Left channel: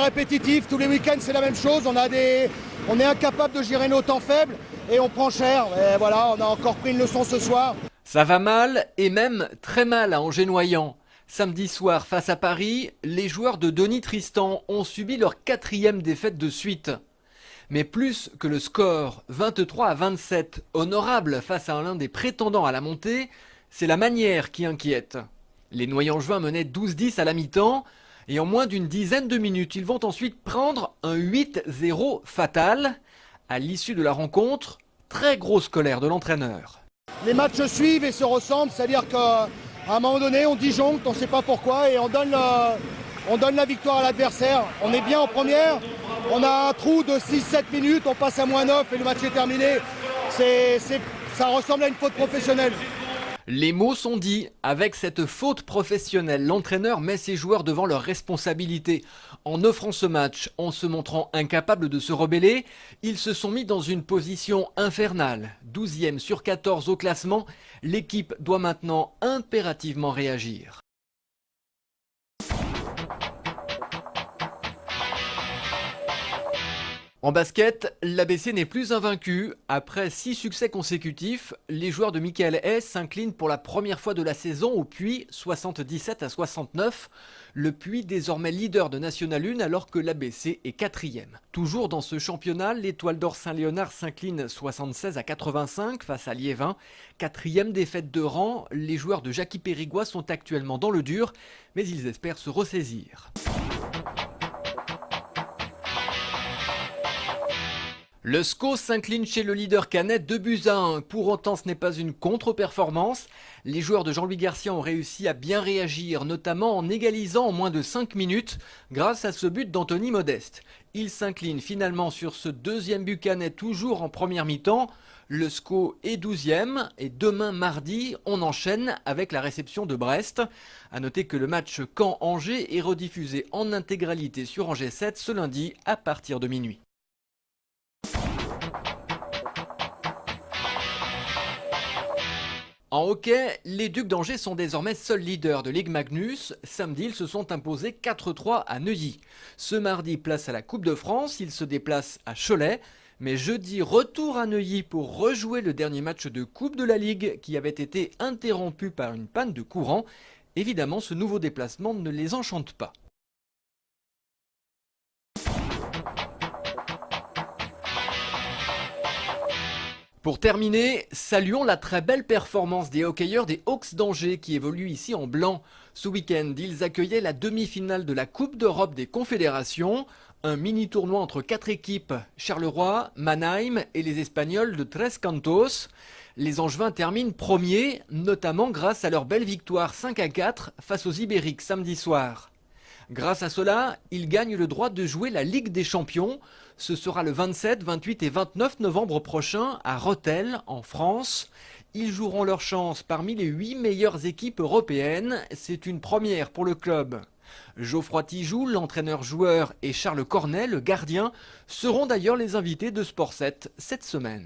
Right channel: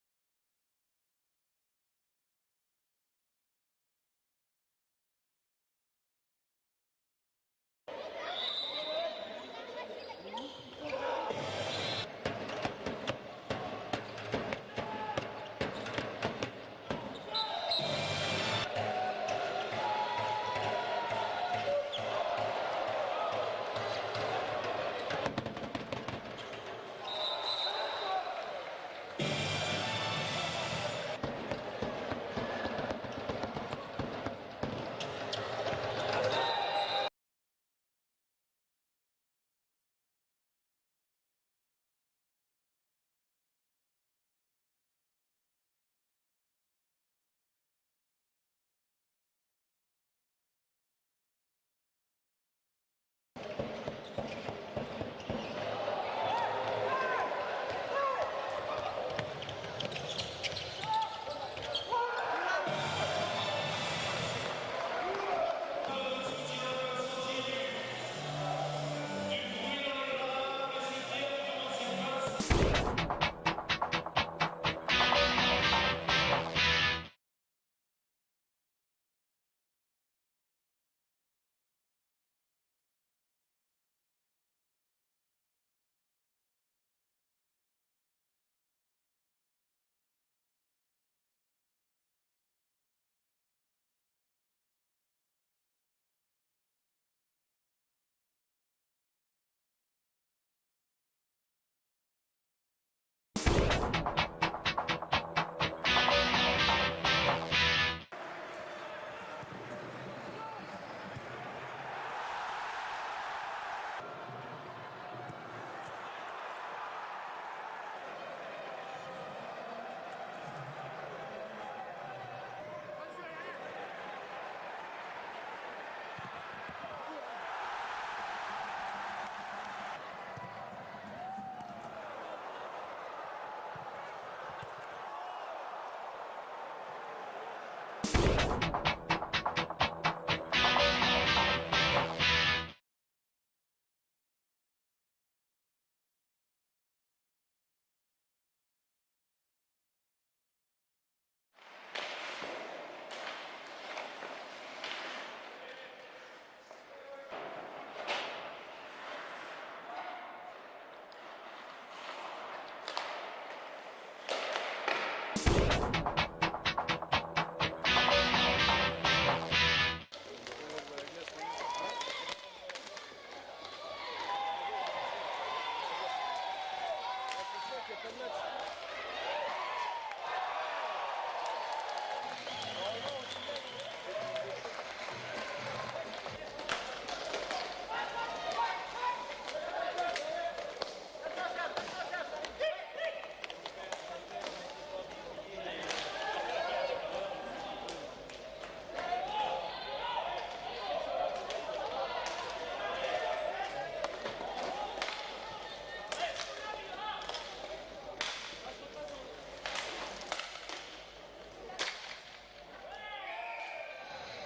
répétitif, tous les week-ends c'est la même chose, on est incapable de gérer nos temps faibles et on prend cher. Et voilà, on a encore pris une leçon ce soir. Ça va mal et même très mal à Angers-Noyant. Samedi soir face à Paris, les joueurs de Denis Tristan ont subi leur 4e défaite de suite. Mais plus que le score, 23-27, honorable face à l'un des prétendants à la montée, c'est la manière qui inquiète. Les Noyengeois menaient 12-10 à la mi-temps et en moins d'une dizaine de minutes, ils vont ensuite prendre un 8-0 fatal. À l'issue de la rencontre, très grosse colère de l'entraîneur. Les matchs suivent et se ressemblent, c'est-à-dire qu'à un moment donné, on disjoncte, on ne sait pas pourquoi, et on donne la victoire à l'adversaire. On est bien en première, on a un trou de 6-7 minutes, on passe à -9 et le match est terminé. Ça ressemble à une faute professionnelle. Les mots sont dits. Avec cette faute professionnelle, l'entraîneur met ses joueurs devant leurs responsabilités. En offrant ce match, en se montrant incapables de se rebeller, ils se sont mis dans une position infernale. 12e sur 14 au classement, l'équipe doit maintenant impérativement réagir. En basket, l'ABC n'est plus invaincu. Après 6 succès consécutifs, les joueurs de Michael Hess s'inclinent pour la première fois de la saison au Puy, 77-69. Le Puy désormais leader de National 1 alors que l'ABC est 4e. Toujours dans ce championnat, l'Étoile d'Or Saint-Léonard s'incline 76-85 face à Liévin. 4e défaite de rang, les joueurs de Jackie Périgois sont actuellement dans le dur, mais ils espèrent se ressaisir. Le SCO s'incline chez le leader canet 2-1. Pour autant, ce n'est pas une contre-performance. Les joueurs de Jean-Louis Garcia ont réussi à bien réagir, notamment en égalisant en moins de 5 minutes grâce à ce but d'Anthony Modeste. Ils s'inclinent finalement sur ce 2e but canet toujours en première mi-temps. Le SCO est 12e et demain mardi, on enchaîne avec la réception de Brest. A noter que le match Caen-Angers est rediffusé en intégralité sur Angers 7 ce lundi à partir de minuit. En hockey, les Ducs d'Angers sont désormais seuls leaders de Ligue Magnus. Samedi, ils se sont imposés 4-3 à Neuilly. Ce mardi, place à la Coupe de France, ils se déplacent à Cholet. Mais jeudi, retour à Neuilly pour rejouer le dernier match de Coupe de la Ligue qui avait été interrompu par une panne de courant. Évidemment, ce nouveau déplacement ne les enchante pas. Pour terminer, saluons la très belle performance des hockeyeurs des Hawks d'Angers qui évoluent ici en blanc. Ce week-end, ils accueillaient la demi-finale de la Coupe d'Europe des Confédérations. Un mini-tournoi entre 4 équipes, Charleroi, Mannheim et les Espagnols de Tres Cantos. Les Angevins terminent premiers, notamment grâce à leur belle victoire 5-4 face aux Ibériques samedi soir. Grâce à cela, ils gagnent le droit de jouer la Ligue des Champions. Ce sera le 27, 28 et 29 novembre prochain à Rethel, en France. Ils joueront leur chance parmi les 8 meilleures équipes européennes. C'est une première pour le club. Geoffroy Tijoux, l'entraîneur-joueur, et Charles Cornet, le gardien, seront d'ailleurs les invités de Sport 7 cette semaine.